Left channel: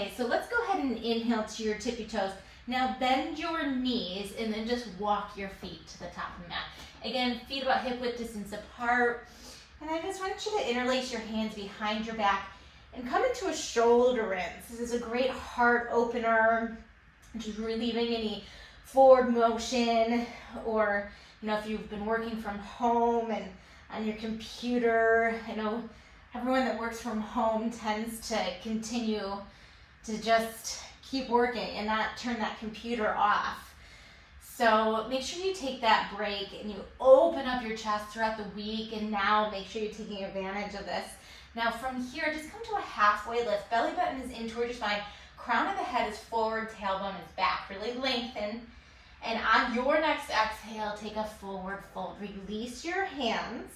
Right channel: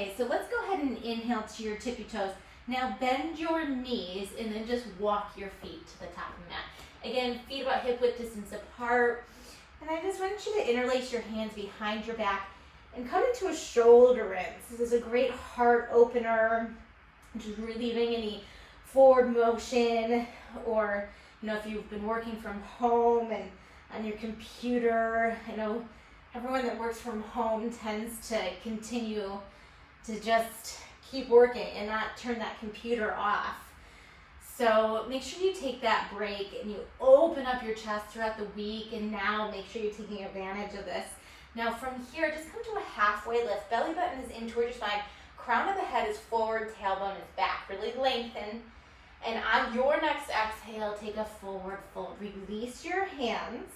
Okay, so let's go ahead and inhale to your tippy toes. Now bend your knees and then just walk your feet to the top of the mat. Again, feet about hip width distance apart. And I just want you to interlace your hands behind your back and come into a shoulder rinse. This is a great heart opener, just relieving any forward motion, or if you've been working from home and on your computer. I know everyone that works from home tends to continue to just keep working and not turn that computer off. So make sure you take that break and you open up your chest throughout the week, and now make sure you're taking advantage of this. Now from here, just come to a halfway lift. Belly button is in towards your spine. Crown of the head is forward, tailbone is back. Really lengthen. And on your next exhale, take a forward fold. Release your hands.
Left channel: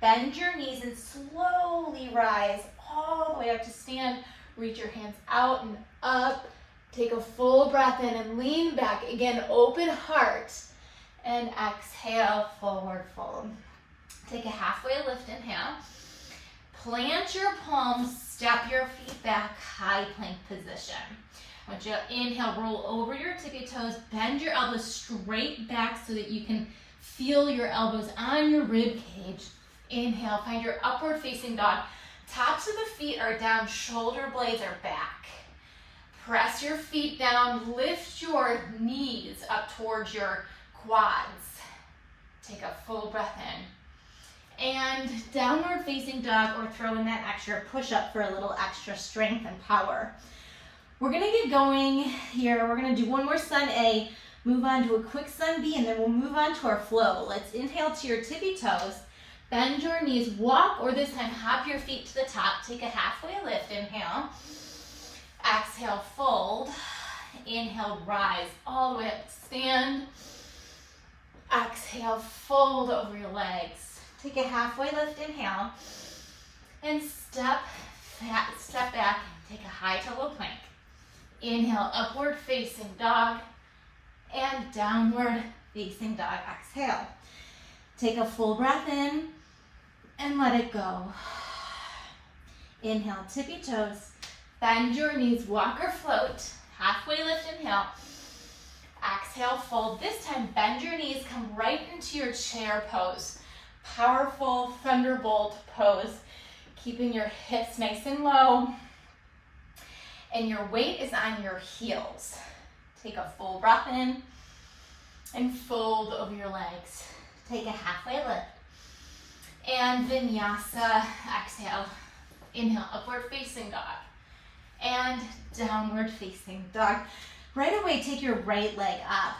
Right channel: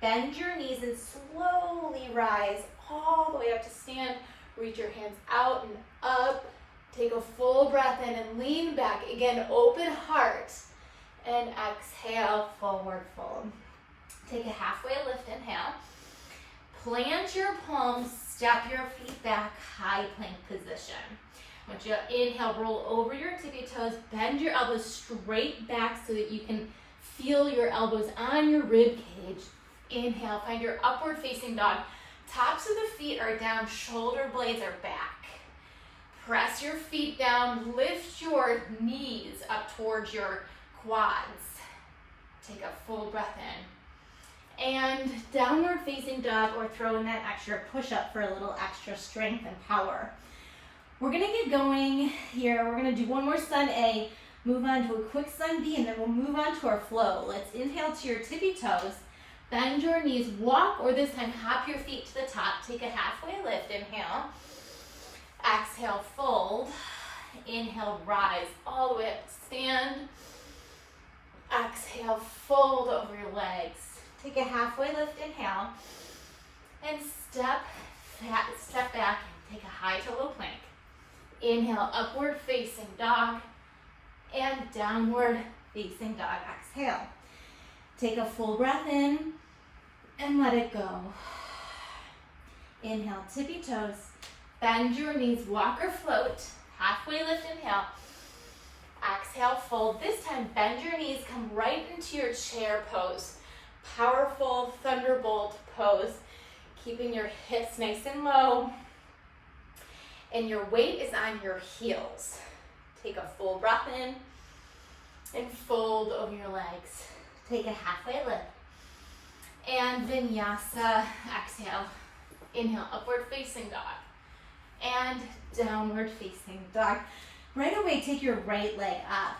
Bend your knees and slowly rise all the way up to stand. Reach your hands out and up. Take a full breath in and lean back. Again, open heart. And exhale, forward fold. Take a halfway lift, inhale. Plant your palms, step your feet back, high plank position. I want you to inhale, roll over your tippy toes, bend your elbows straight back so that you can feel your elbows on your rib cage. Inhale, find your upward facing dog. Tops of the feet are down, shoulder blades are back. Press your feet down, lift your knees up towards your quads. Take a full breath in. And downward facing dog, or throw in that extra push up for a little extra strength and power. We're gonna get going here. We're gonna do one more sun A, move on to a quick sun B, and then we'll move on to our flow. Let's inhale to your tippy toes, bend your knees, walk, or this time hop your feet to the top. Take a halfway lift, inhale. Exhale, fold. Inhale, rise all the way up, stand. Exhale, fold over your legs. Take a halfway lift, inhale. And step back and take a high to low plank. Inhale, upward facing dog, and downward facing dog. Exhale. Take a full breath in and let it go. Inhale, tippy toes, bend your knees, walk or float. Halfway lift, inhale. Exhale, fold. This time, bend your knees, come right into your chair pose. Powerful thunderbolt pose, keeping your hips nice and low. And your weight is on your heels. Take a full breath in and fold over your legs. Take a halfway lift. And vinyasa, exhale. Inhale, upward facing dog. And downward facing dog. Right away, take your right leg up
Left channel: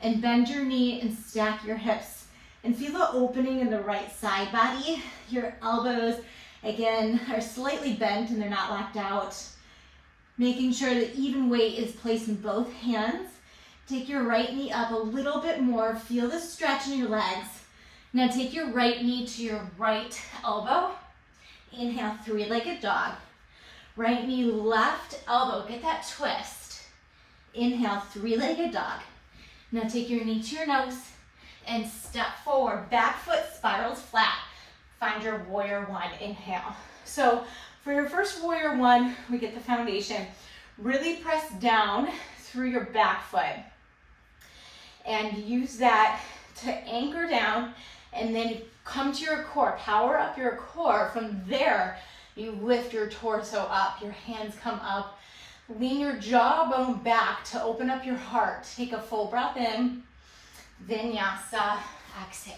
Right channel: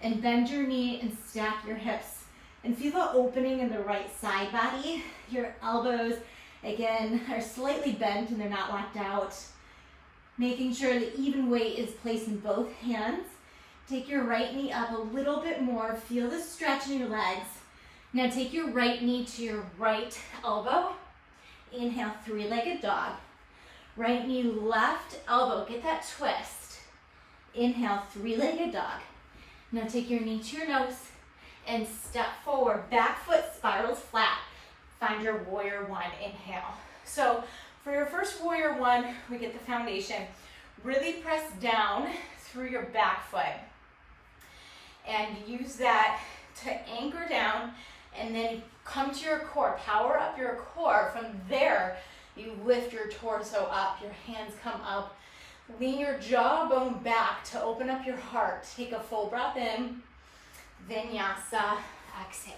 and bend your knee and stack your hips. And feel the opening in the right side body. Your elbows, again, are slightly bent and they're not locked out. Making sure that even weight is placed in both hands. Take your right knee up a little bit more. Feel the stretch in your legs. Now take your right knee to your right elbow. Inhale, three-legged dog. Right knee, left elbow. Get that twist. Inhale, three-legged dog. Now take your knee to your nose and step forward. Back foot spirals flat. Find your warrior one. Inhale. So for your first warrior one, we get the foundation. Really press down through your back foot and use that to anchor down, and then come to your core. Power up your core. From there, you lift your torso up. Your hands come up. Lean your jawbone back to open up your heart. Take a full breath in. Vinyasa, exhale.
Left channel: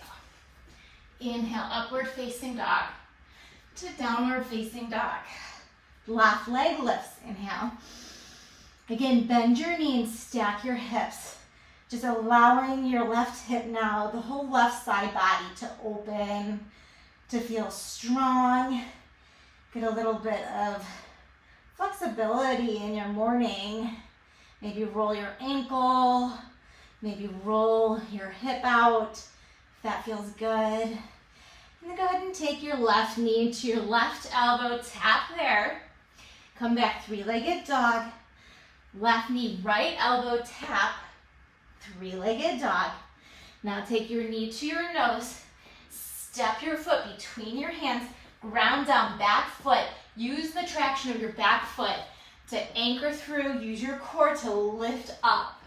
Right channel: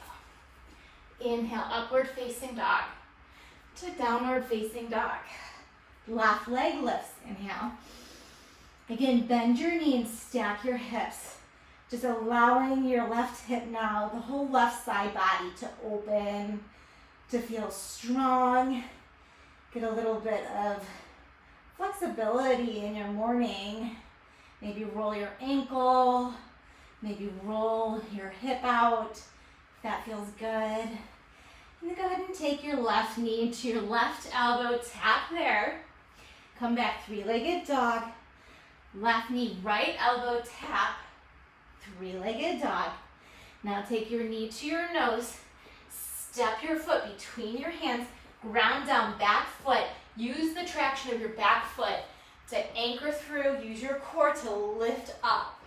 Inhale, upward facing dog to downward facing dog. Left leg lifts, inhale. Again, bend your knee and stack your hips. Just allowing your left hip now, the whole left side body to open, to feel strong. Get a little bit of flexibility in your morning. Maybe roll your ankle, maybe roll your hip out, if that feels good. And then go ahead and take your left knee to your left elbow, tap there. Come back, three-legged dog. Left knee, right elbow, tap. Three-legged dog. Now take your knee to your nose. Step your foot between your hands. Ground down, back foot. Use the traction of your back foot To anchor through, use your core to lift up.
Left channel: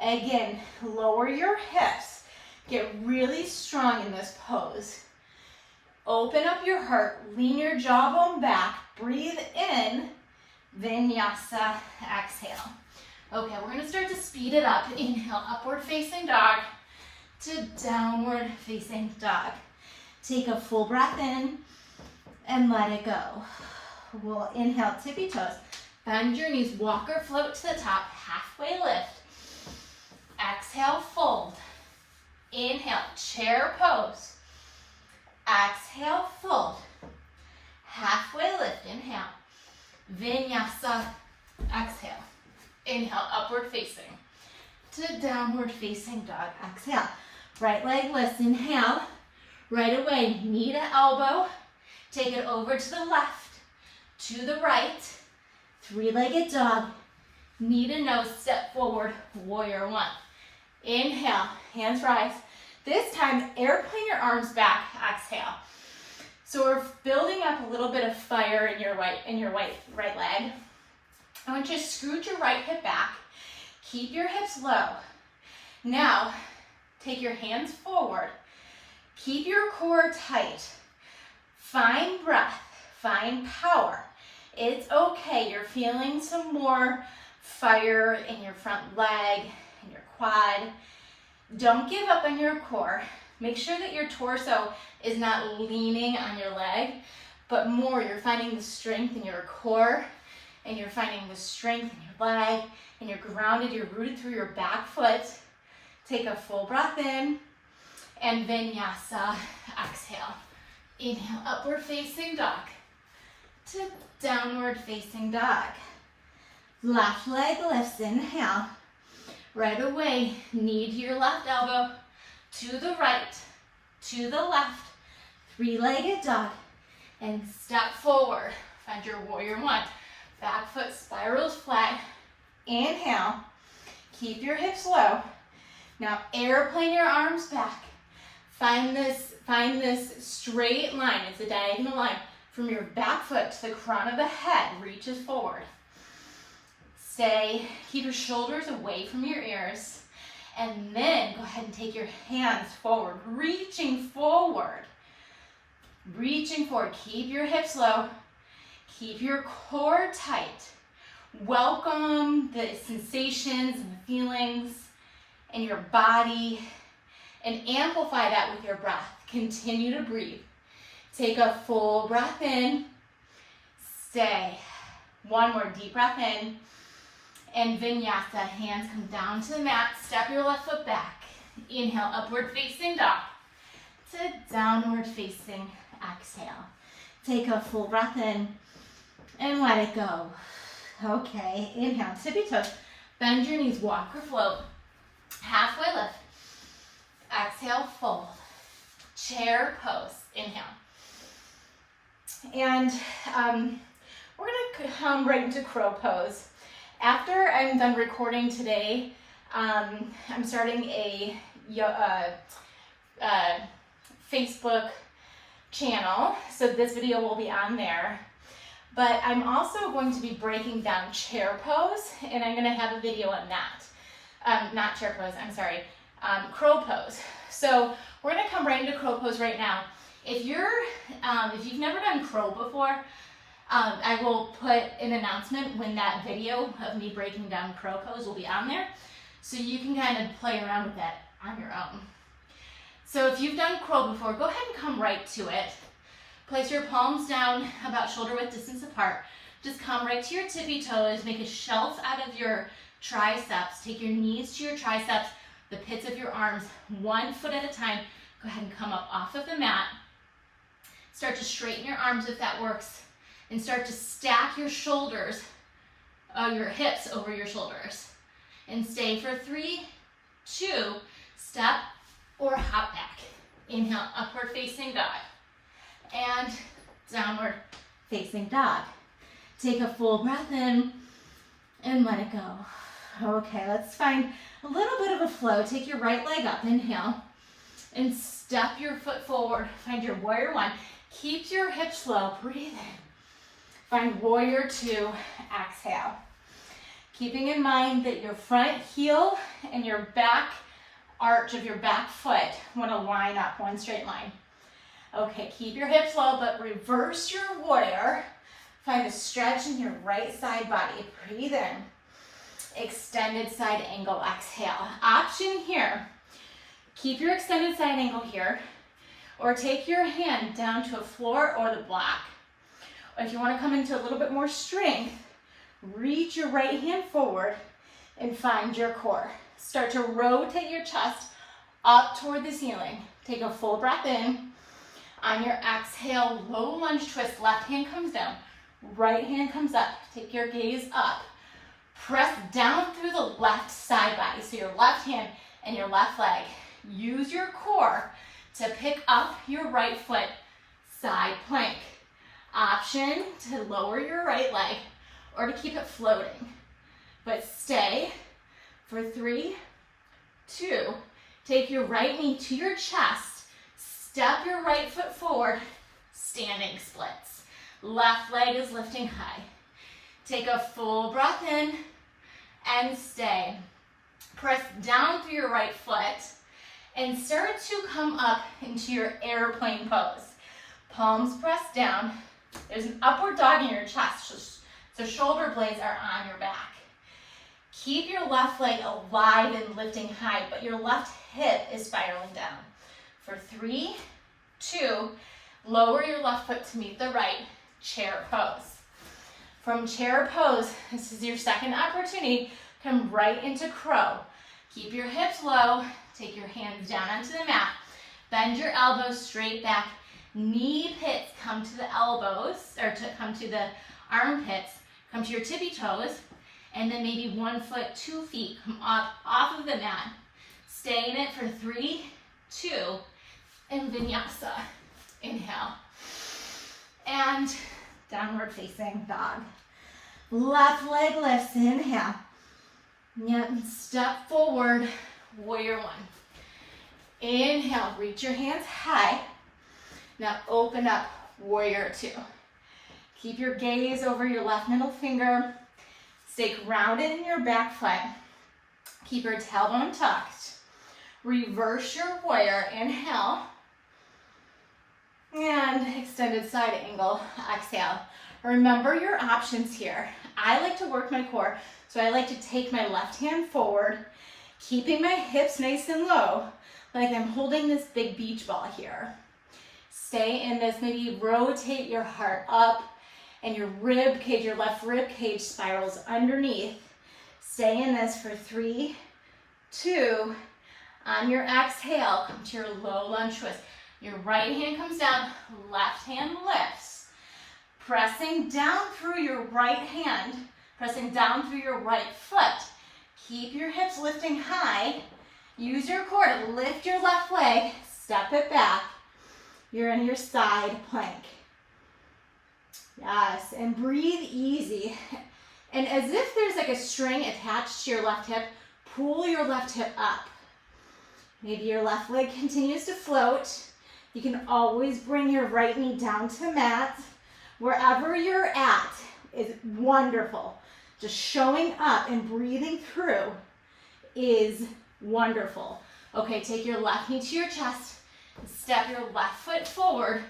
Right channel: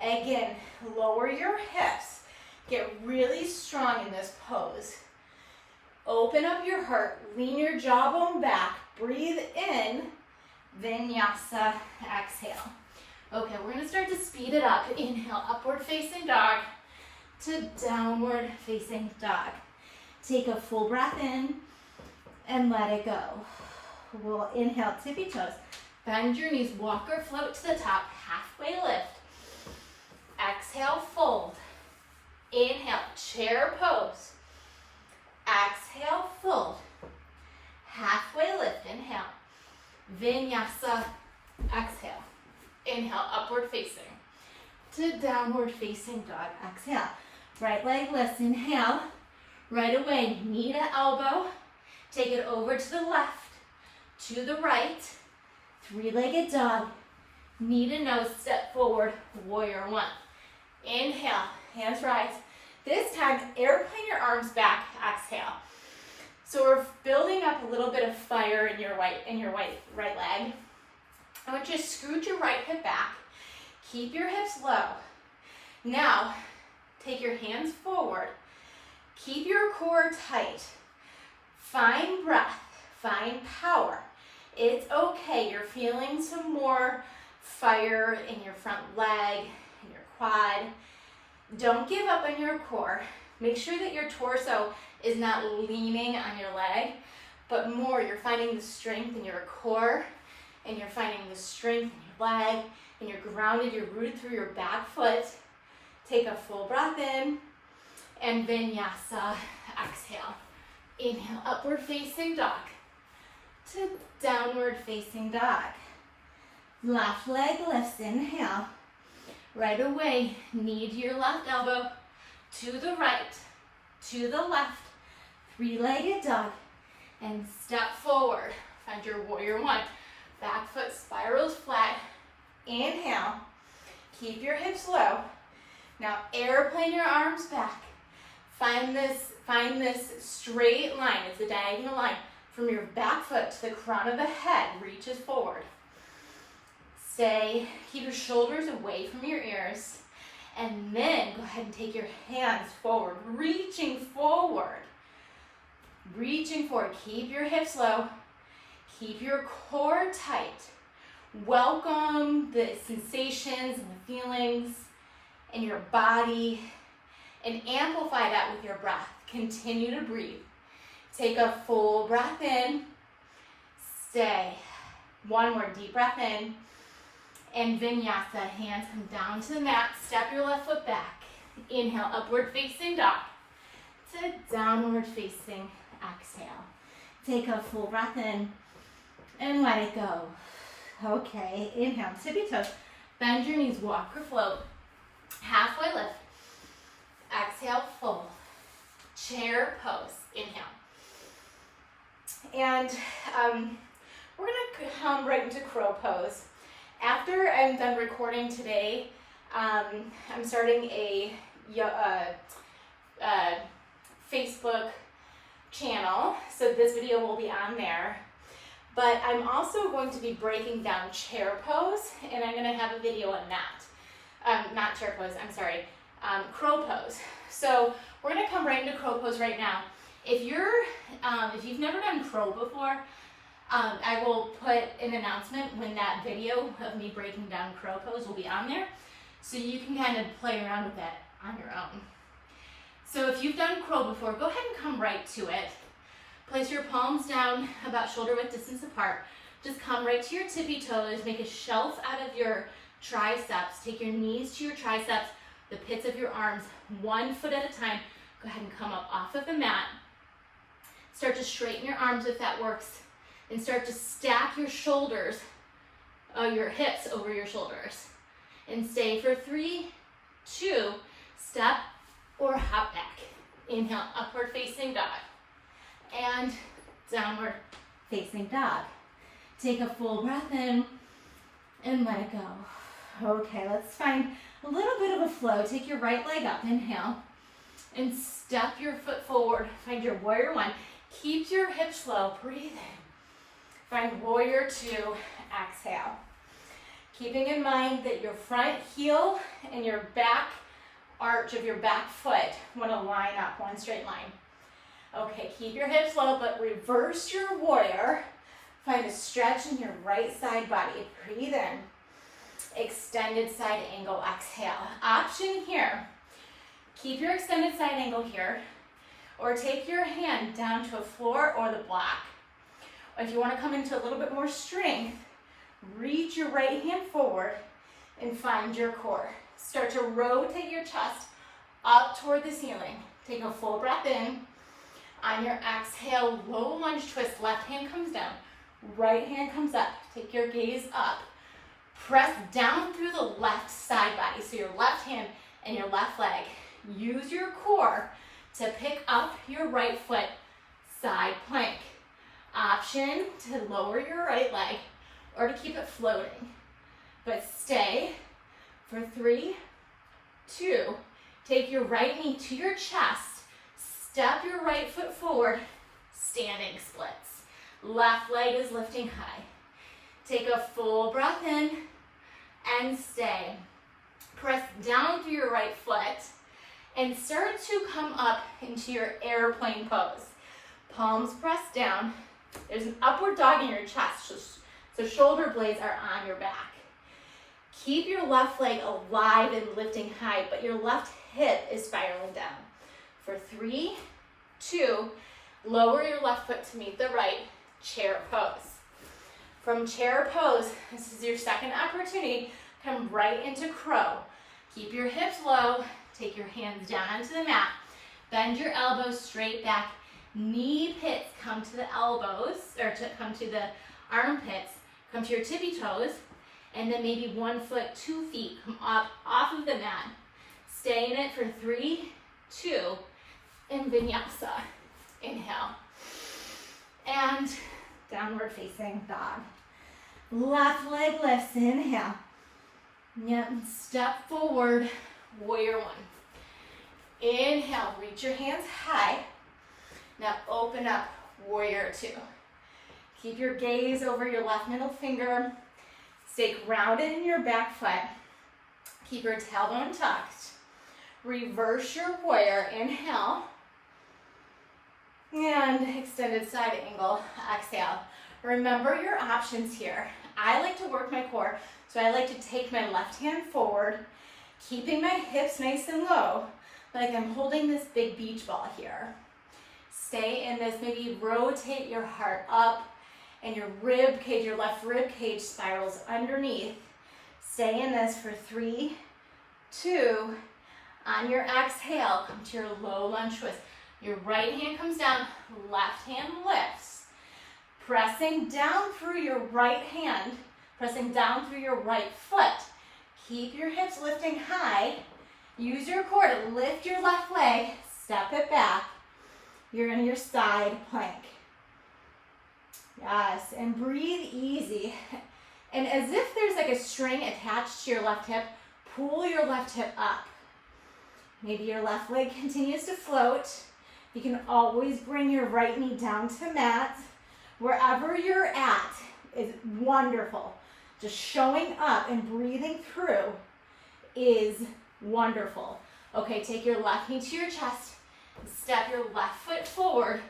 Again, lower your hips. Get really strong in this pose. Open up your heart, lean your jawbone back, breathe in, vinyasa, exhale. Okay, we're gonna start to speed it up. Inhale, upward facing dog to downward facing dog. Take a full breath in and let it go. We'll inhale, tippy toes. Bend your knees, walk or float to the top, halfway lift. Exhale, fold. Inhale, chair pose. Exhale, fold. Halfway lift, inhale. Vinyasa, exhale. Inhale, upward facing to downward facing dog. Exhale, right leg lifts, inhale. Right away, knee to elbow. Take it over to the left, to the right. Three-legged dog. Knee to nose, step forward, warrior one. Inhale, hands rise. This time, airplane your arms back, exhale. So we're building up a little bit of fire in your right leg. I want you to scoot your right hip back. Keep your hips low. Now, take your hands forward. Keep your core tight. Find breath, find power. It's okay, you're feeling some more fire in your front leg, in your quad. Don't give up on your core. Make sure that your torso is not leaning on your leg, but more you're finding the strength in your core, and you're finding the strength in your leg, and you're grounded, you're rooted through your back foot. Take a full breath in, and vinyasa, exhale. Inhale, upward facing dog to downward facing dog. Left leg lifts, inhale. Right away, knee to your left elbow, to the right, to the left, three-legged dog, and step forward. Find your warrior one. Back foot spirals flat. Inhale, keep your hips low. Now airplane your arms back. Find this straight line, it's a diagonal line, from your back foot to the crown of the head, reaches forward. Stay, keep your shoulders away from your ears, and then go ahead and take your hands forward, reaching forward. Reaching forward, keep your hips low, keep your core tight. Welcome the sensations and the feelings in your body, and amplify that with your breath. Continue to breathe. Take a full breath in, stay. One more deep breath in. And vinyasa, hands come down to the mat, step your left foot back. Inhale, upward facing dog to downward facing exhale. Take a full breath in and let it go. Okay, inhale, tippy toes. Bend your knees, walk or float. Halfway lift. Exhale, fold. Chair pose, inhale. And we're gonna come right into crow pose. After I'm done recording today, I'm starting a Facebook channel, so this video will be on there. But I'm also going to be breaking down chair pose, and I'm going to have a video on that. Not chair pose, I'm sorry, crow pose. So we're going to come right into crow pose right now. If you've never done crow before, I will put an announcement when that video of me breaking down crow pose will be on there, so you can kind of play around with that on your own. So if you've done crow before, go ahead and come right to it. Place your palms down about shoulder width distance apart. Just come right to your tippy toes. Make a shelf out of your triceps. Take your knees to your triceps, the pits of your arms, 1 foot at a time. Go ahead and come up off of the mat. Start to straighten your arms if that works. And start to stack your shoulders, your hips over your shoulders. And stay for 3, 2, step or hop back. Inhale, upward facing dog. And downward facing dog. Take a full breath in and let it go. Okay, let's find a little bit of a flow. Take your right leg up, inhale, and step your foot forward. Find your warrior one. Keep your hips low, breathe in. Find warrior two, exhale. Keeping in mind that your front heel and your back arch of your back foot want to line up, one straight line. Okay, keep your hips low, but reverse your warrior. Find a stretch in your right side body. Breathe in. Extended side angle, exhale. Option here. Keep your extended side angle here, or take your hand down to a floor or the block. If you want to come into a little bit more strength, reach your right hand forward and find your core. Start to rotate your chest up toward the ceiling. Take a full breath in. On your exhale, low lunge twist, left hand comes down, right hand comes up. Take your gaze up. Press down through the left side body, so your left hand and your left leg. Use your core to pick up your right foot, side plank. Option to lower your right leg or to keep it floating. But stay for 3, 2, take your right knee to your chest. Step your right foot forward, standing splits. Left leg is lifting high. Take a full breath in and stay. Press down through your right foot and start to come up into your airplane pose. Palms pressed down. There's an upward dog in your chest, so shoulder blades are on your back. Keep your left leg alive and lifting high, but your left hip is spiraling down. For 3, 2, lower your left foot to meet the right, chair pose. From chair pose, this is your second opportunity, come right into crow. Keep your hips low, take your hands down onto the mat, bend your elbows straight back, knee pits come to the elbows, or to come to the armpits, come to your tippy toes, and then maybe 1 foot, 2 feet come up off of the mat. Stay in it for 3, 2, and vinyasa. Inhale. And downward facing dog. Left leg lifts, inhale. Yep, step forward, warrior one. Inhale, reach your hands high. Now open up, warrior two. Keep your gaze over your left middle finger. Stay grounded in your back foot. Keep your tailbone tucked. Reverse your warrior, inhale. And extended side angle, exhale. Remember your options here. I like to work my core, so I like to take my left hand forward, keeping my hips nice and low, like I'm holding this big beach ball here. Stay in this, maybe rotate your heart up, and your rib cage, your left rib cage spirals underneath. Stay in this for 3, 2, on your exhale, come to your low lunge twist. Your right hand comes down, left hand lifts. Pressing down through your right hand, pressing down through your right foot. Keep your hips lifting high. Use your core to lift your left leg, step it back. You're in your side plank. Yes, and breathe easy. And as if there's like a string attached to your left hip, pull your left hip up. Maybe your left leg continues to float. You can always bring your right knee down to mat. Wherever you're at is wonderful. Just showing up and breathing through is wonderful. Okay, take your left knee to your chest and step your left foot forward,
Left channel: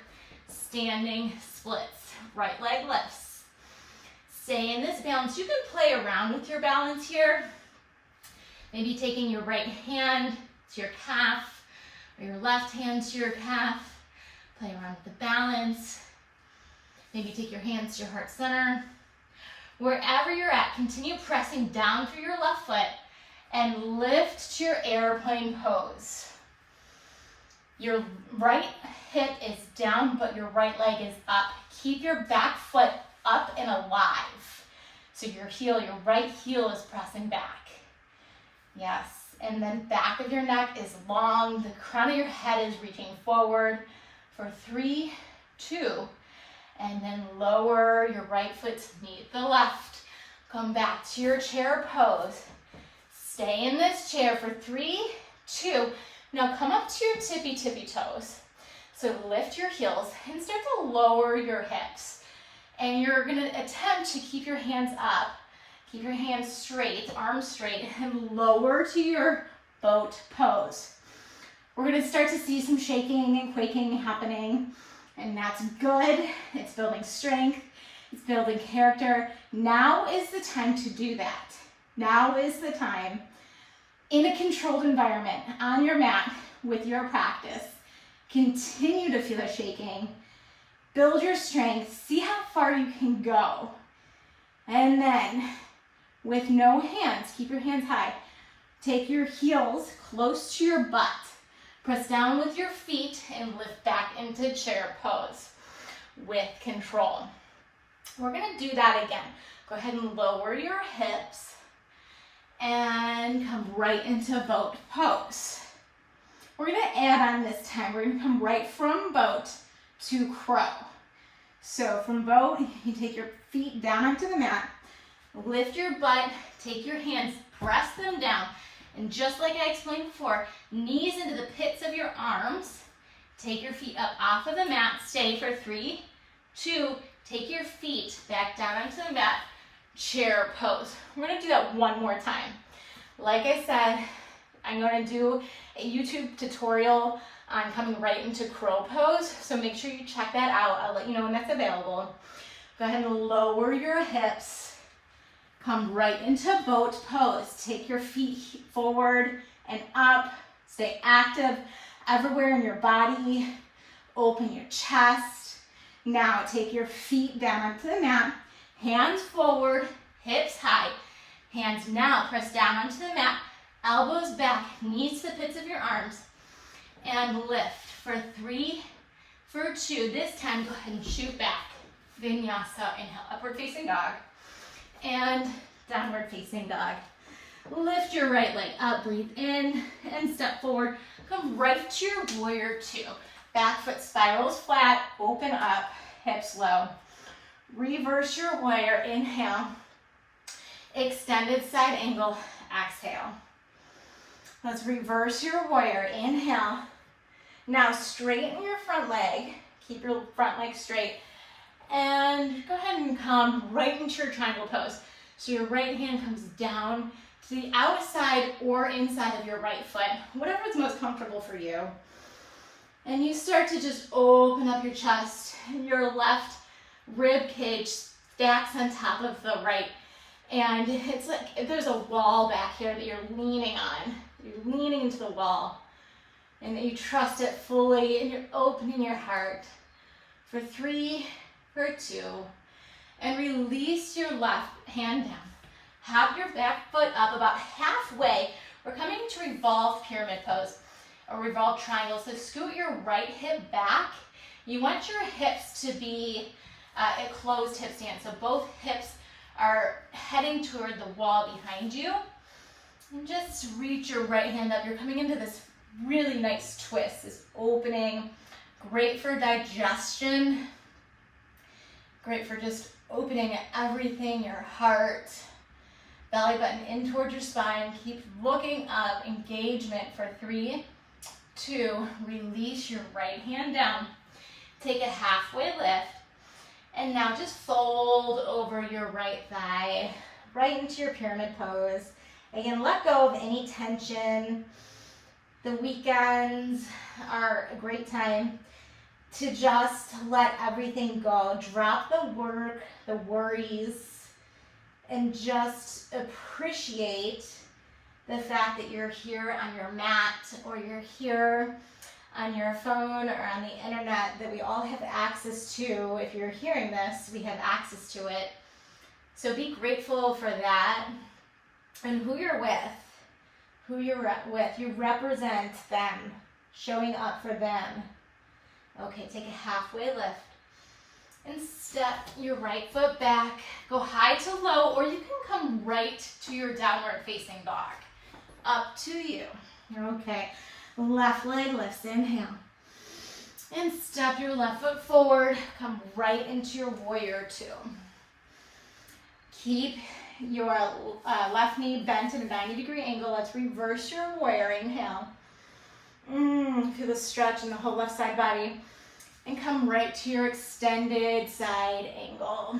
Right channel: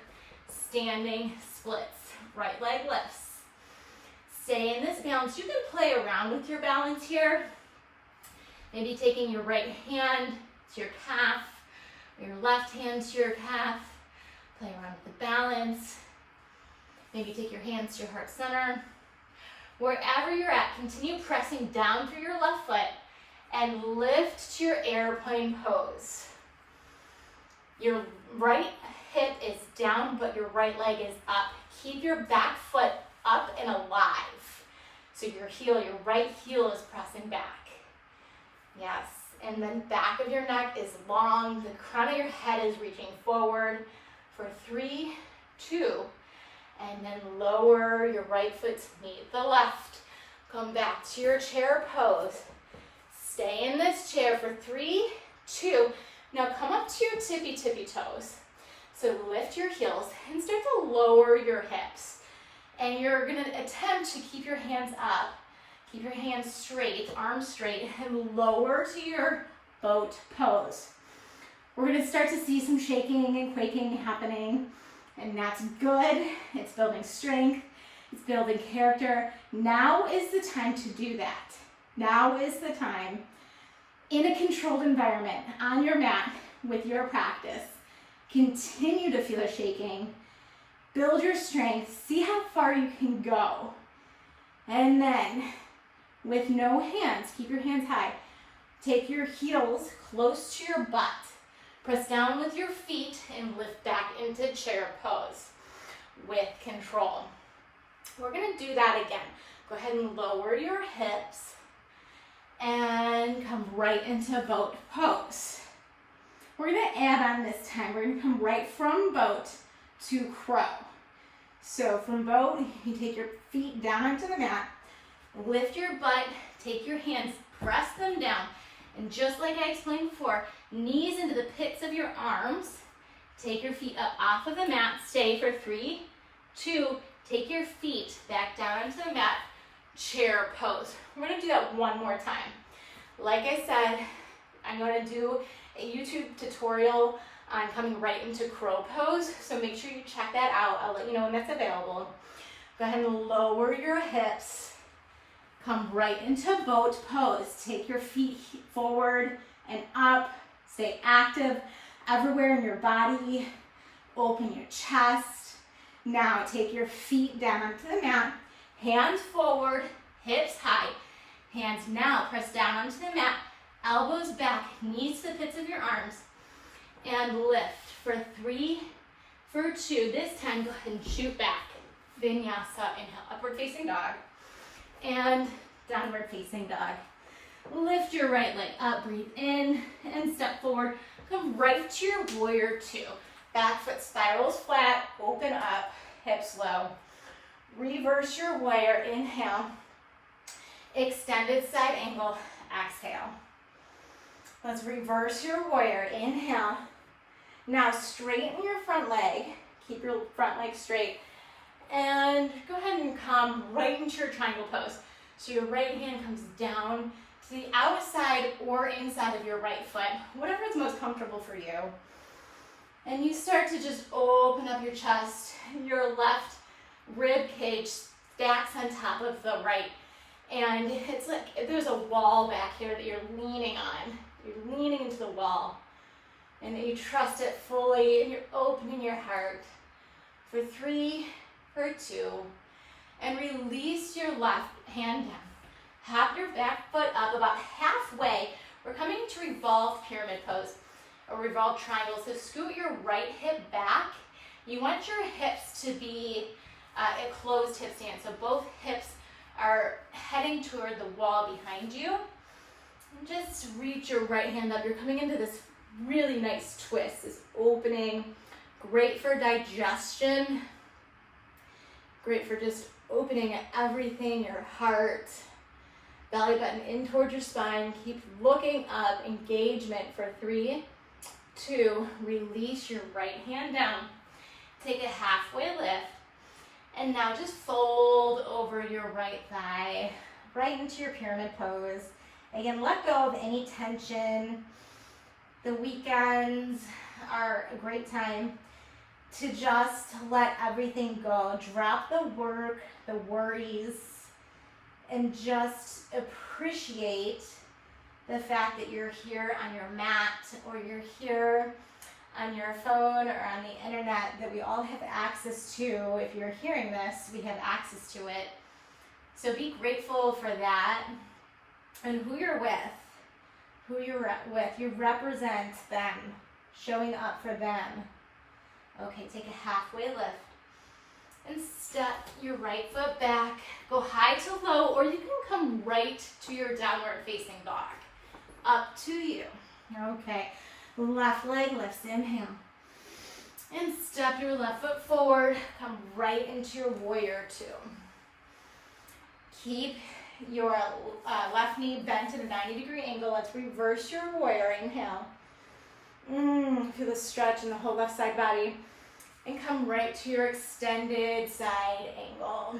standing splits. Right leg lifts. Stay in this balance. You can play around with your balance here. Maybe taking your right hand to your calf, or your left hand to your calf. Play around with the balance. Maybe take your hands to your heart center. Wherever you're at, continue pressing down through your left foot and lift to your airplane pose. Your right hip is down, but your right leg is up. Keep your back foot up and alive. So your heel, your right heel is pressing back. Yes, and then back of your neck is long. The crown of your head is reaching forward for 3, 2, and then lower your right foot to meet the left. Come back to your chair pose. Stay in this chair for 3, 2. Now come up to your tippy toes. So lift your heels and start to lower your hips. And you're gonna attempt to keep your hands up, keep your hands straight, arms straight, and lower to your boat pose. We're gonna start to see some shaking and quaking happening, and that's good. It's building strength, it's building character. Now is the time to do that. Now is the time, in a controlled environment, on your mat, with your practice. Continue to feel the shaking. Build your strength. See how far you can go. And then, with no hands, keep your hands high. Take your heels close to your butt. Press down with your feet and lift back into chair pose with control. We're gonna do that again. Go ahead and lower your hips and come right into boat pose. We're gonna add on this time. We're gonna come right from boat to crow. So from boat, you take your feet down onto the mat, lift your butt, take your hands, press them down, and just like I explained before, knees into the pits of your arms, take your feet up off of the mat, stay for 3, 2, take your feet back down onto the mat, chair pose. We're gonna do that one more time. Like I said, I'm gonna do a YouTube tutorial on coming right into crow pose, so make sure you check that out. I'll let you know when that's available. Go ahead and lower your hips. Come right into boat pose. Take your feet forward and up. Stay active everywhere in your body. Open your chest. Now take your feet down onto the mat. Hands forward, hips high. Hands now press down onto the mat. Elbows back, knees to the pits of your arms. And lift for 3, for 2. This time, go ahead and shoot back. Vinyasa, inhale, upward facing dog. And downward facing dog. Lift your right leg up, breathe in, and step forward. Come right to your warrior 2. Back foot spirals flat, open up, hips low. Reverse your warrior, inhale. Extended side angle, exhale. Let's reverse your warrior, inhale. Now straighten your front leg, keep your front leg straight, and go ahead and come right into your triangle pose. So your right hand comes down to the outside or inside of your right foot, whatever is most comfortable for you. And you start to just open up your chest, your left rib cage stacks on top of the right. And it's like there's a wall back here that you're leaning on. You're leaning into the wall. And you trust it fully, and you're opening your heart for 3, for 2, and release your left hand down. Hop your back foot up about halfway. We're coming to revolve pyramid pose, or revolve triangle. So scoot your right hip back. You want your hips to be a closed hip stance. So both hips are heading toward the wall behind you. And just reach your right hand up. You're coming into this really nice twist, this opening, great for digestion, great for just opening everything, your heart, belly button in towards your spine. Keep looking up, engagement for 3, 2, release your right hand down. Take a halfway lift, and now just fold over your right thigh, right into your pyramid pose. Again, let go of any tension. The weekends are a great time to just let everything go. Drop the work, the worries, and just appreciate the fact that you're here on your mat, or you're here on your phone or on the internet, that we all have access to. If you're hearing this, we have access to it. So be grateful for that. And who you're with. Who you're with, you represent them, showing up for them. Okay, take a halfway lift and step your right foot back. Go high to low, or you can come right to your downward facing dog. Up to you. Okay, left leg lifts, inhale. And step your left foot forward, come right into your warrior 2. Keep your left knee bent in a 90-degree angle. Let's reverse your warrior, inhale. Feel the stretch in the whole left side body. and come right to your extended side angle.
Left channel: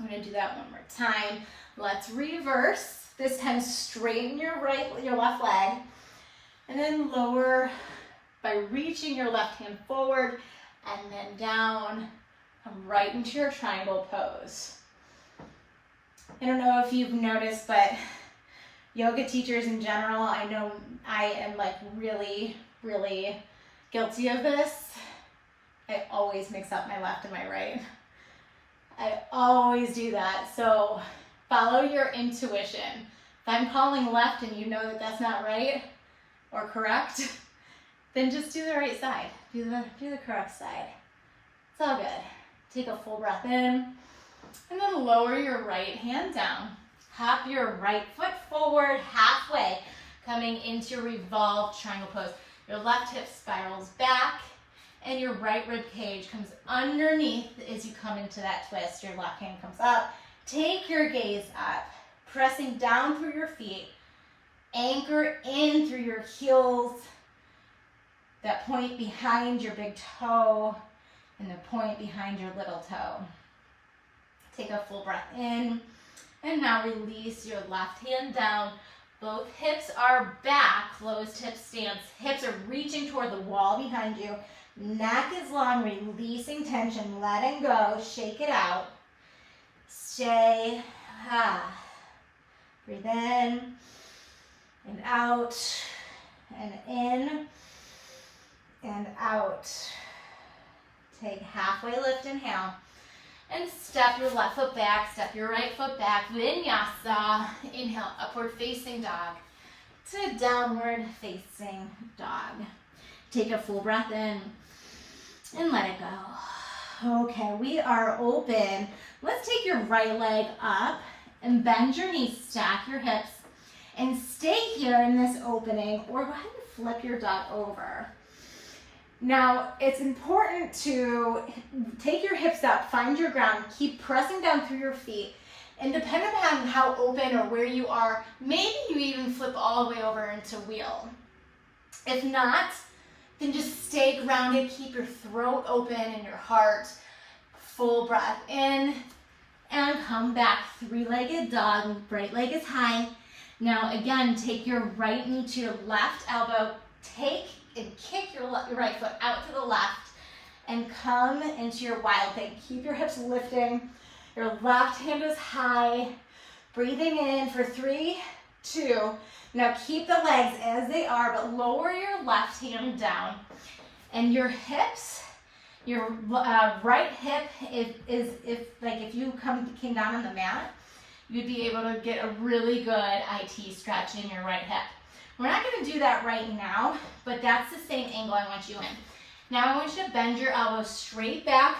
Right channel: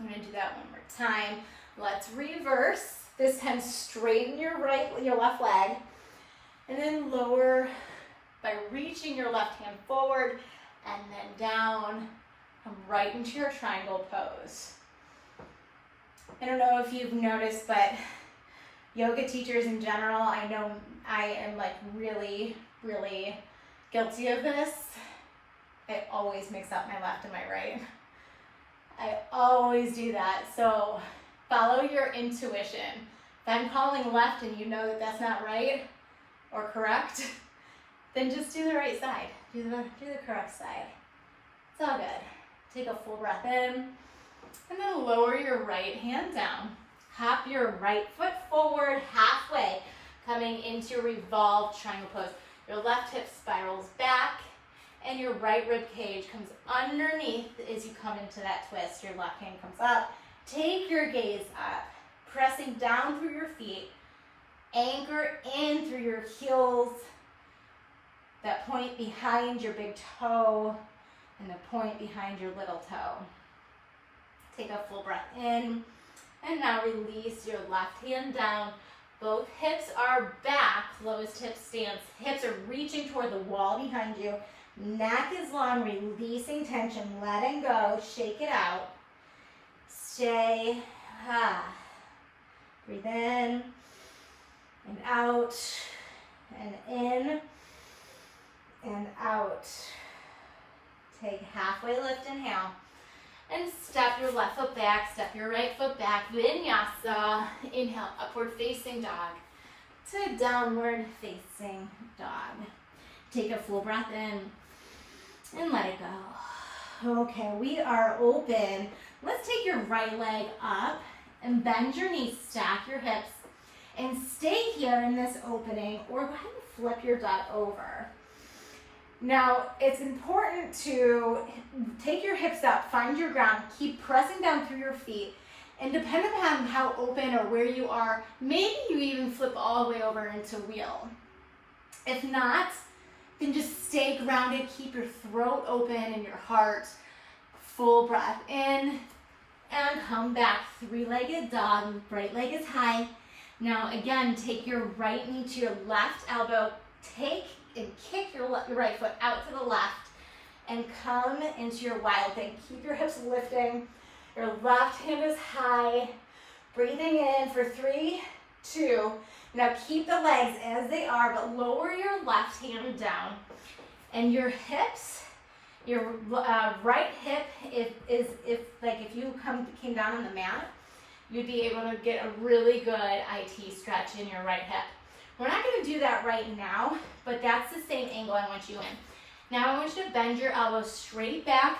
I'm gonna do that one more time. Let's reverse. This time straighten your left leg, and then lower by reaching your left hand forward and then down, come right into your triangle pose. I don't know if you've noticed, but yoga teachers in general, I know I am like really, really guilty of this. I always mix up my left and my right. I always do that. So follow your intuition. If I'm calling left and you know that that's not right or correct, then just do the right side. Do the correct side. It's all good. Take a full breath in, and then lower your right hand down. Hop your right foot forward halfway, coming into revolved triangle pose. Your left hip spirals back, and your right rib cage comes underneath as you come into that twist. Your left hand comes up. Take your gaze up, pressing down through your feet. Anchor in through your heels, that point behind your big toe and the point behind your little toe. Take a full breath in, and now release your left hand down. Both hips are back, closed hip stance. Hips are reaching toward the wall behind you. Neck is long, releasing tension, letting go, shake it out. Stay, breathe in and out, and in and out. Take halfway lift, inhale, and step your left foot back, step your right foot back, vinyasa. Inhale, upward facing dog to downward facing dog. Take a full breath in and let it go. Okay, we are open. Let's take your right leg up and bend your knees, stack your hips, and stay here in this opening, or go ahead and flip your dog over. Now, it's important to take your hips out, find your ground, keep pressing down through your feet, and depending upon how open or where you are, maybe you even flip all the way over into wheel. If not, then just stay grounded, keep your throat open and your heart. Full breath in, and come back, three-legged dog, right leg is high. Now again, take your right knee to your left elbow, take and kick your right foot out to the left, and come into your wild thing. Keep your hips lifting, your left hand is high, breathing in for 3, 2. Now keep the legs as they are, but lower your left hand down, and your hips, your right hip, if you came down on the mat, you'd be able to get a really good IT stretch in your right hip. We're not going to do that right now, but that's the same angle I want you in. Now I want you to bend your elbows straight back,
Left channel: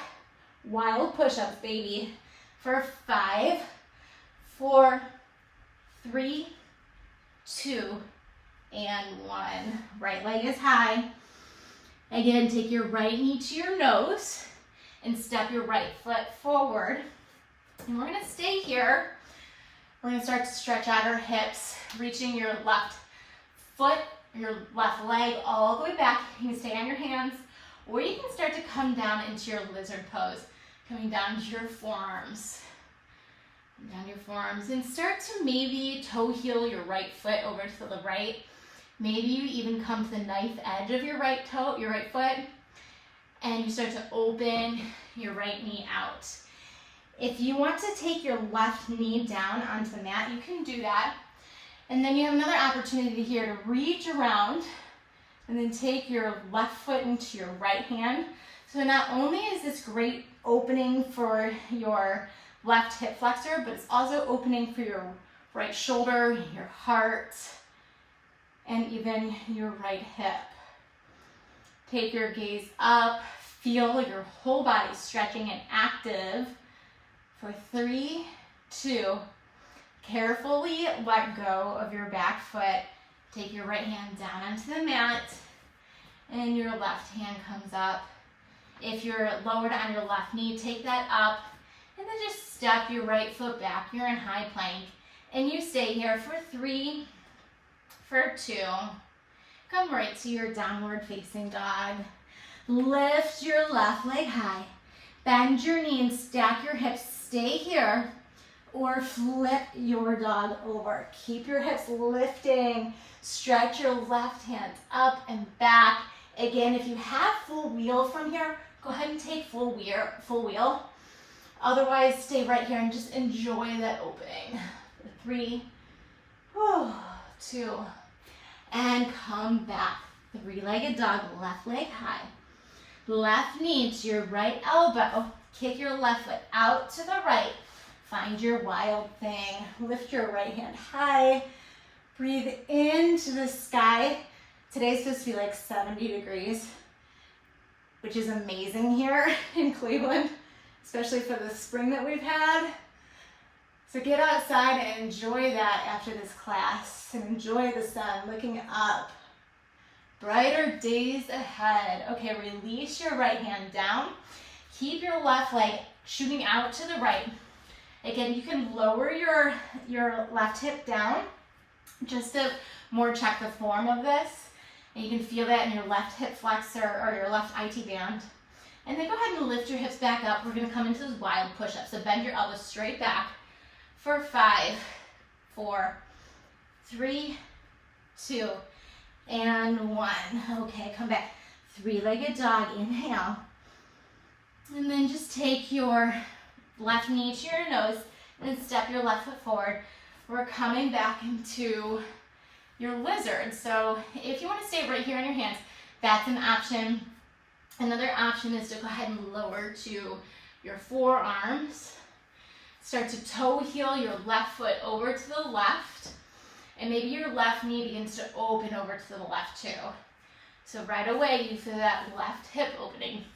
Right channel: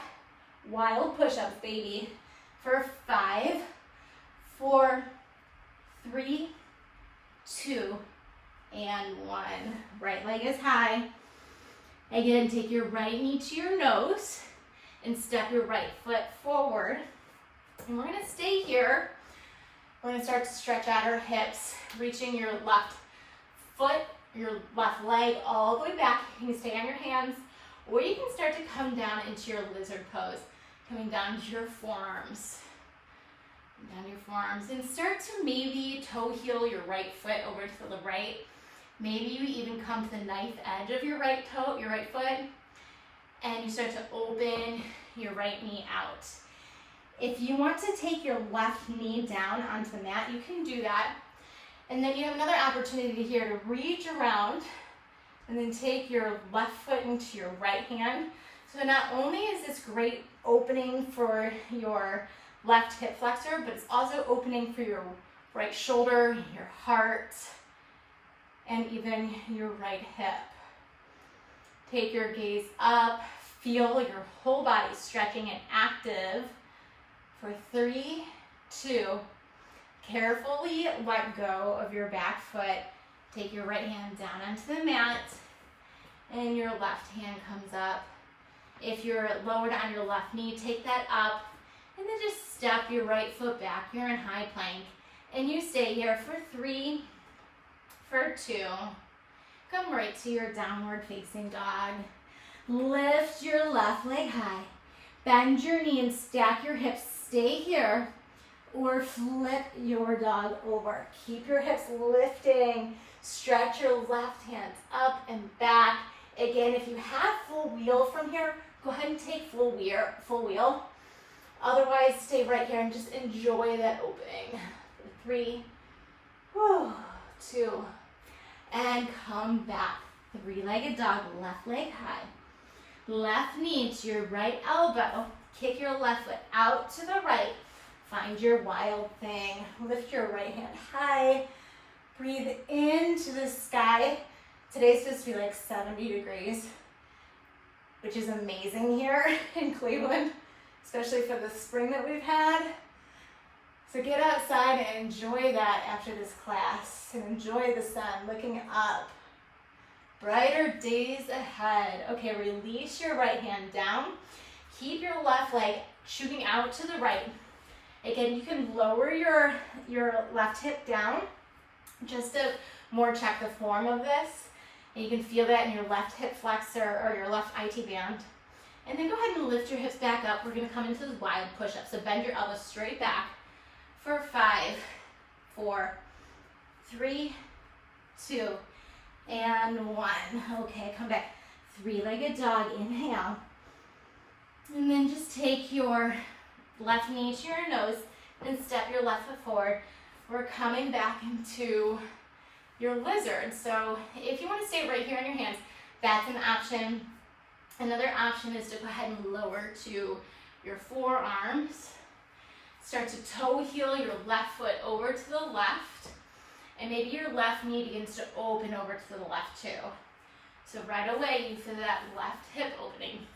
wild push-ups, baby, for 5, 4, 3, 2, and 1. Right leg is high. Again, take your right knee to your nose and step your right foot forward. And we're gonna stay here. We're gonna start to stretch out our hips, reaching your left foot, your left leg all the way back. You can stay on your hands, or you can start to come down into your lizard pose, coming down to your forearms. Down your forearms, and start to maybe toe heel your right foot over to the right. Maybe you even come to the knife edge of your right toe, your right foot, and you start to open your right knee out. If you want to take your left knee down onto the mat, you can do that. And then you have another opportunity here to reach around and then take your left foot into your right hand. So not only is this great opening for your left hip flexor, but it's also opening for your right shoulder, your heart, and even your right hip. Take your gaze up, feel your whole body stretching and active for 3, 2. Carefully let go of your back foot. Take your right hand down onto the mat, and your left hand comes up. If you're lowered on your left knee, take that up, and then just step your right foot back. You're in high plank, and you stay here for 3, for 2. Come right to your downward facing dog. Lift your left leg high. Bend your knee and stack your hips. Stay here or flip your dog over. Keep your hips lifting. Stretch your left hand up and back. Again, if you have full wheel from here, go ahead and take full wheel. Otherwise, stay right here and just enjoy that opening. 3, 2, and come back. Three-legged dog, left leg high. Left knee to your right elbow. Kick your left foot out to the right. Find your wild thing. Lift your right hand high. Breathe into the sky. Today's supposed to be like 70 degrees, which is amazing here in Cleveland, especially for the spring that we've had. So get outside and enjoy that after this class and enjoy the sun looking up. Brighter days ahead. Okay, release your right hand down. Keep your left leg shooting out to the right. Again, you can lower your left hip down just to more check the form of this. And you can feel that in your left hip flexor or your left IT band. And then go ahead and lift your hips back up. We're gonna come into those wild push-ups. So bend your elbows straight back for 5, 4, 3, 2, and 1. Okay, come back. Three-legged dog, inhale. And then just take your left knee to your nose and step your left foot forward. We're coming back into your lizard. So if you want to stay right here on your hands, that's an option. Another option is to go ahead and lower to your forearms. Start to toe heel your left foot over to the left. And maybe your left knee begins to open over to the left too. So right away you feel that left hip opening.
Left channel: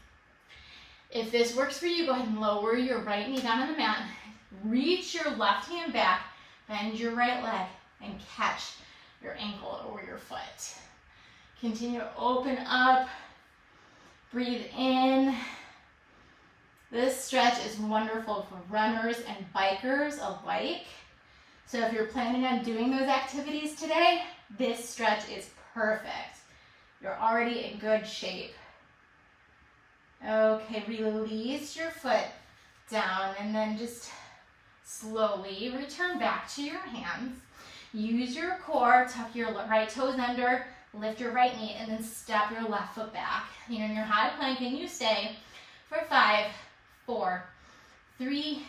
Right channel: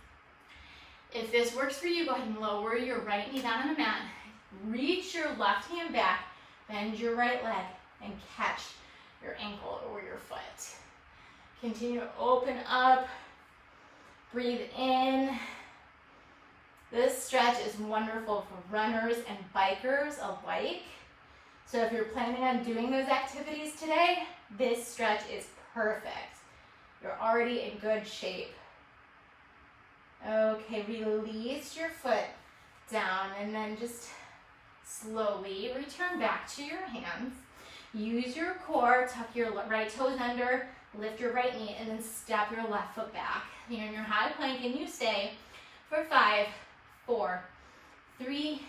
If this works for you, go ahead and lower your right knee down on the mat. Reach your left hand back, bend your right leg, and catch your ankle or your foot. Continue to open up. Breathe in. This stretch is wonderful for runners and bikers alike. So if you're planning on doing those activities today, this stretch is perfect. You're already in good shape. Okay, release your foot down and then just slowly return back to your hands. Use your core, tuck your right toes under, lift your right knee, and then step your left foot back. You're in your high plank and you stay for 5, 4, 3,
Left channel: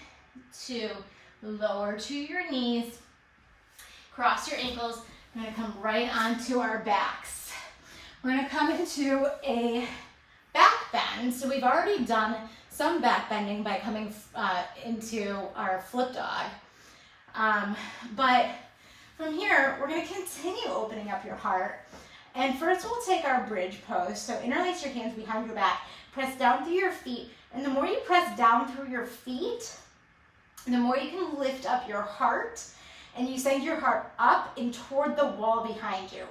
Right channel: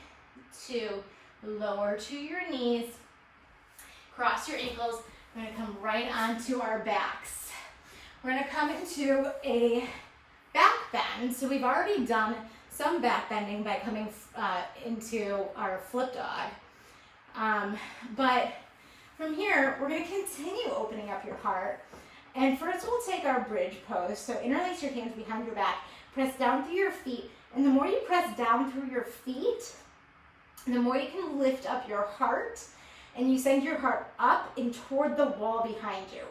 2, lower to your knees, cross your ankles. We're gonna come right onto our backs. We're gonna come into a back bend. So we've already done some back bending by coming into our flip dog. But from here, we're gonna continue opening up your heart. And first we'll take our bridge pose. So interlace your hands behind your back, press down through your feet. And the more you press down through your feet, the more you can lift up your heart and you send your heart up and toward the wall behind you.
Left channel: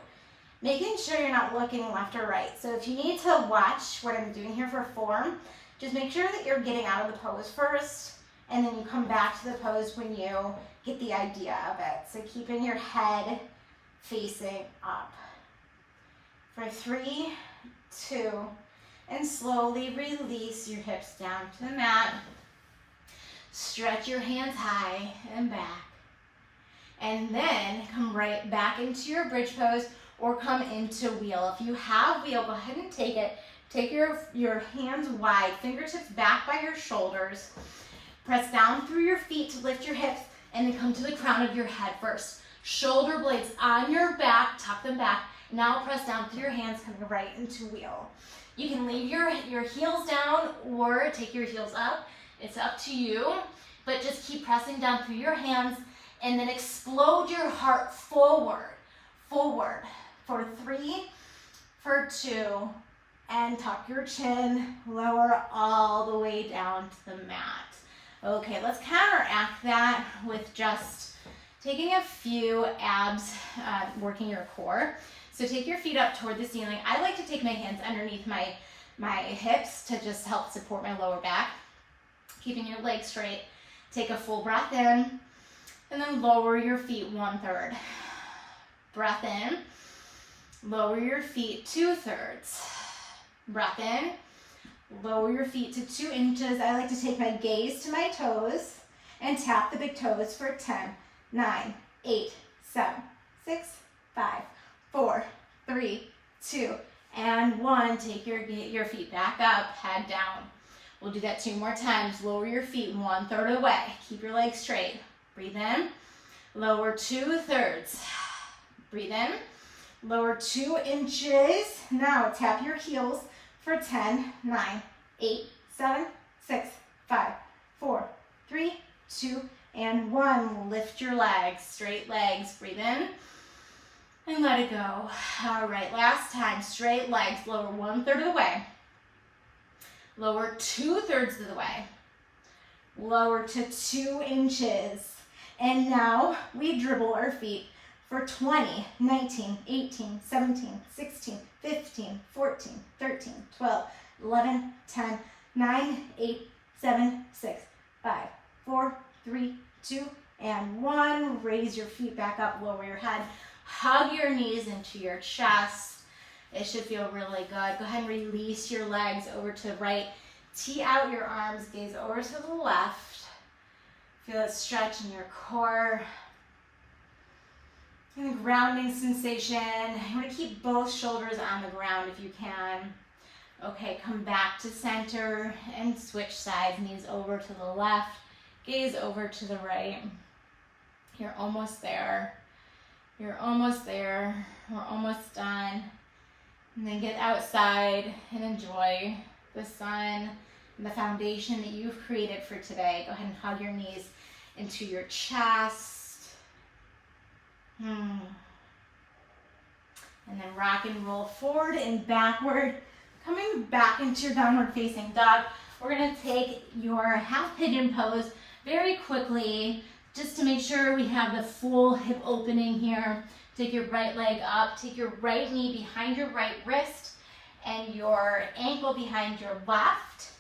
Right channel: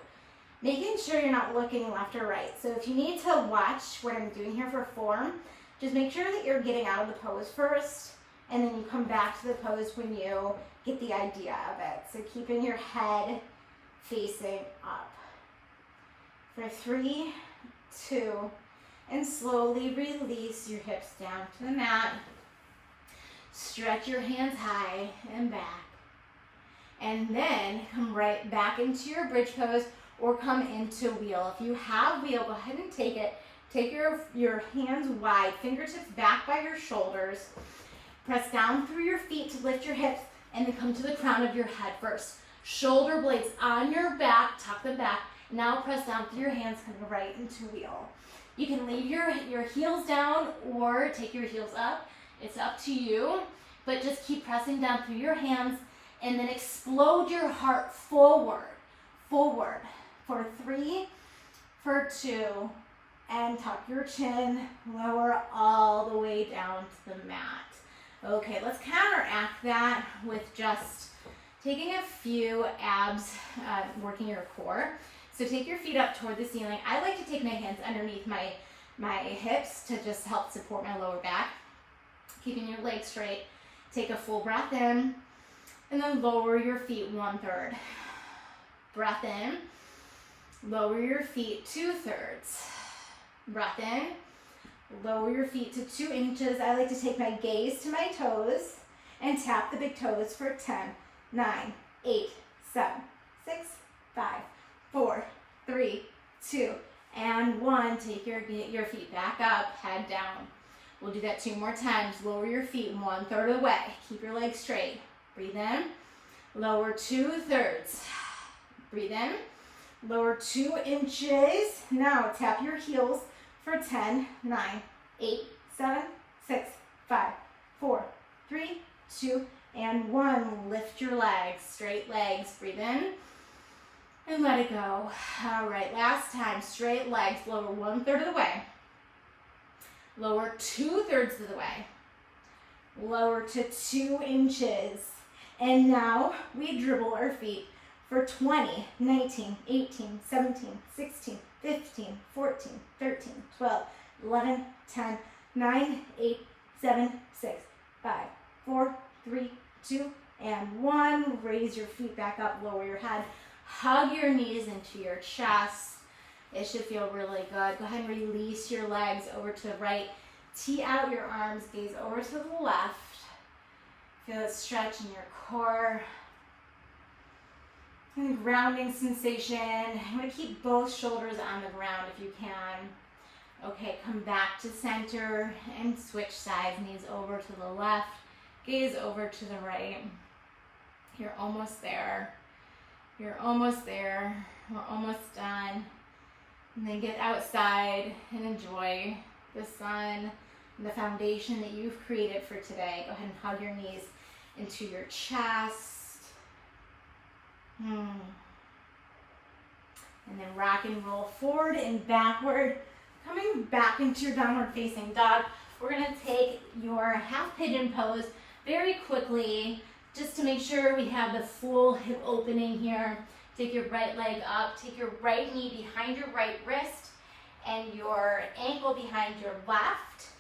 Making sure you're not looking left or right. So if you need to watch what I'm doing here for form, just make sure that you're getting out of the pose first and then you come back to the pose when you get the idea of it. So keeping your head facing up. For 3, 2, and slowly release your hips down to the mat. Stretch your hands high and back. And then come right back into your bridge pose or come into wheel. If you have wheel, go ahead and take it. Take your hands wide, fingertips back by your shoulders. Press down through your feet to lift your hips and then come to the crown of your head first. Shoulder blades on your back, tuck them back. Now press down through your hands, coming right into wheel. You can leave your heels down or take your heels up. It's up to you, but just keep pressing down through your hands and then explode your heart forward. Forward. For 3, for 2, and tuck your chin, lower all the way down to the mat. Okay, let's counteract that with just taking a few abs, working your core. So take your feet up toward the ceiling. I like to take my hands underneath my hips to just help support my lower back. Keeping your legs straight. Take a full breath in, and then lower your feet 1/3. Breath in. Lower your feet 2/3. Breath in. Lower your feet to 2 inches. I like to take my gaze to my toes and tap the big toes for 10, 9, 8, 7, 6, 5, 4, 3, 2, and 1. Take your feet back up, head down. We'll do that 2 more times. Lower your feet 1/3 of the way. Keep your legs straight. Breathe in. Lower 2/3. Breathe in. Lower 2 inches. Now tap your heels for 10, 9, 8, 7, 6, 5, 4, 3, 2, and 1. Lift your legs, straight legs. Breathe in and let it go. All right, last time, straight legs. Lower 1/3 of the way. Lower 2/3 of the way. Lower to 2 inches. And now we dribble our feet for 20, 19, 18, 17, 16, 15, 14, 13, 12, 11, 10, 9, 8, 7, 6, 5, 4, 3, 2, and 1. Raise your feet back up, lower your head. Hug your knees into your chest. It should feel really good. Go ahead and release your legs over to the right. Tee out your arms, gaze over to the left. Feel it stretch in your core. And grounding sensation. You want to keep both shoulders on the ground if you can. Okay, come back to center and switch sides. Knees over to the left, gaze over to the right. You're almost there. You're almost there. We're almost done. And then get outside and enjoy the sun and the foundation that you've created for today. Go ahead and hug your knees into your chest. And then rock and roll forward and backward. Coming back into your downward facing dog. We're gonna take your half pigeon pose very quickly, just to make sure we have the full hip opening here. Take your right leg up, take your right knee behind your right wrist and your ankle behind your left.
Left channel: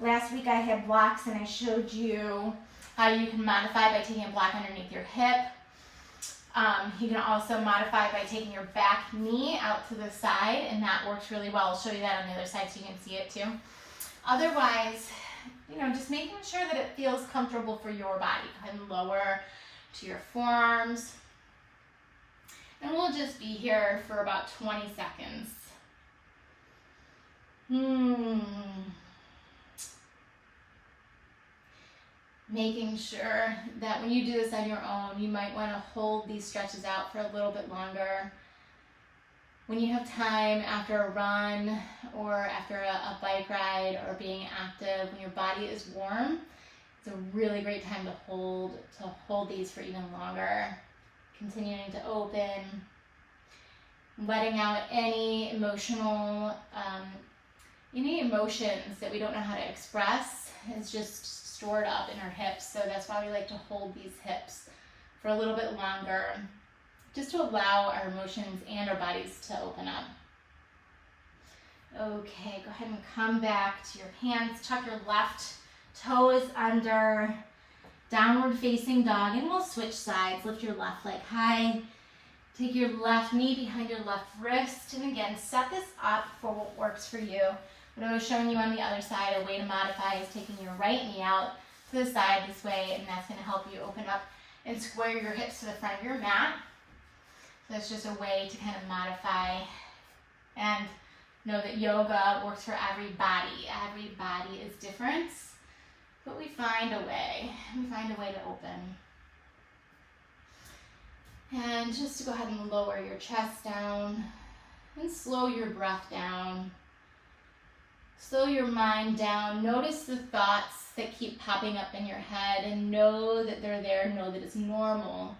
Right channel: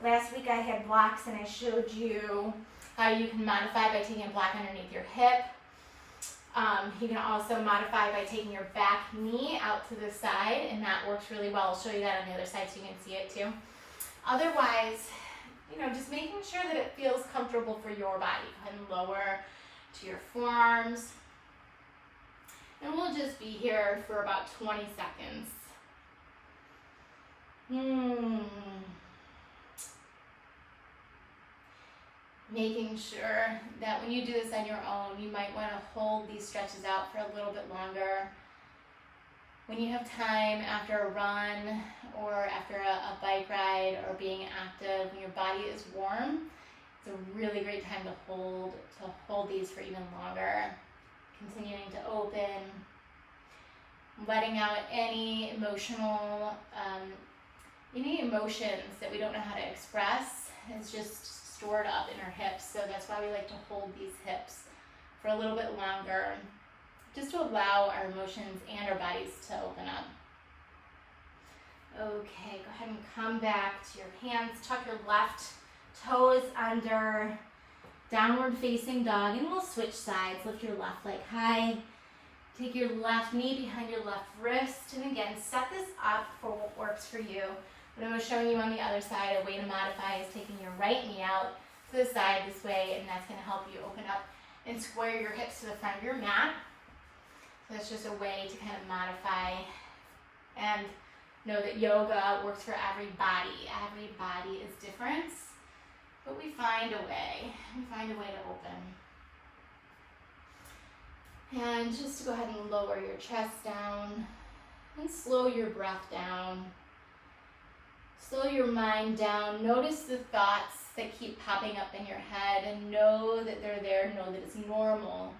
Last week I had blocks and I showed you how you can modify by taking a block underneath your hip. You can also modify by taking your back knee out to the side, and that works really well. I'll show you that on the other side so you can see it too. Otherwise, just making sure that it feels comfortable for your body. Go ahead and lower to your forearms. And we'll just be here for about 20 seconds. Making sure that when you do this on your own, you might want to hold these stretches out for a little bit longer. When you have time after a run or after a bike ride or being active, when your body is warm, it's a really great time to hold these for even longer. Continuing to open, letting out any emotions that we don't know how to express is just stored up in our hips. So that's why we like to hold these hips for a little bit longer, just to allow our emotions and our bodies to open up. Okay, go ahead and come back to your hands. Tuck your left toes under, downward facing dog, and we'll switch sides. Lift your left leg high. Take your left knee behind your left wrist, and again, set this up for what works for you. What I was showing you on the other side, a way to modify is taking your right knee out to the side this way, and that's going to help you open up and square your hips to the front of your mat. So it's just a way to kind of modify and know that yoga works for every body. Every body is different, but we find a way. We find a way to open. And just to go ahead and lower your chest down and slow your breath down. Slow your mind down. Notice the thoughts that keep popping up in your head and know that they're there, know that it's normal.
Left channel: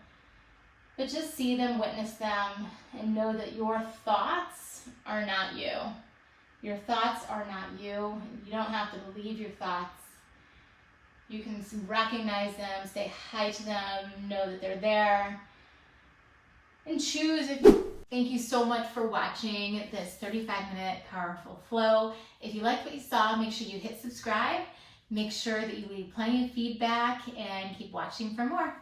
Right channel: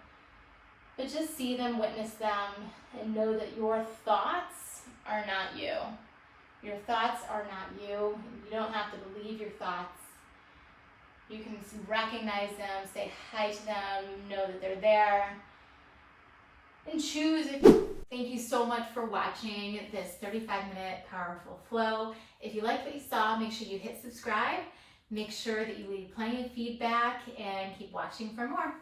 But just see them, witness them, and know that your thoughts are not you. Your thoughts are not you. You don't have to believe your thoughts. You can recognize them, say hi to them, know that they're there, and choose. Thank you so much for watching this 35-minute powerful flow. If you liked what you saw, make sure you hit subscribe. Make sure that you leave plenty of feedback and keep watching for more.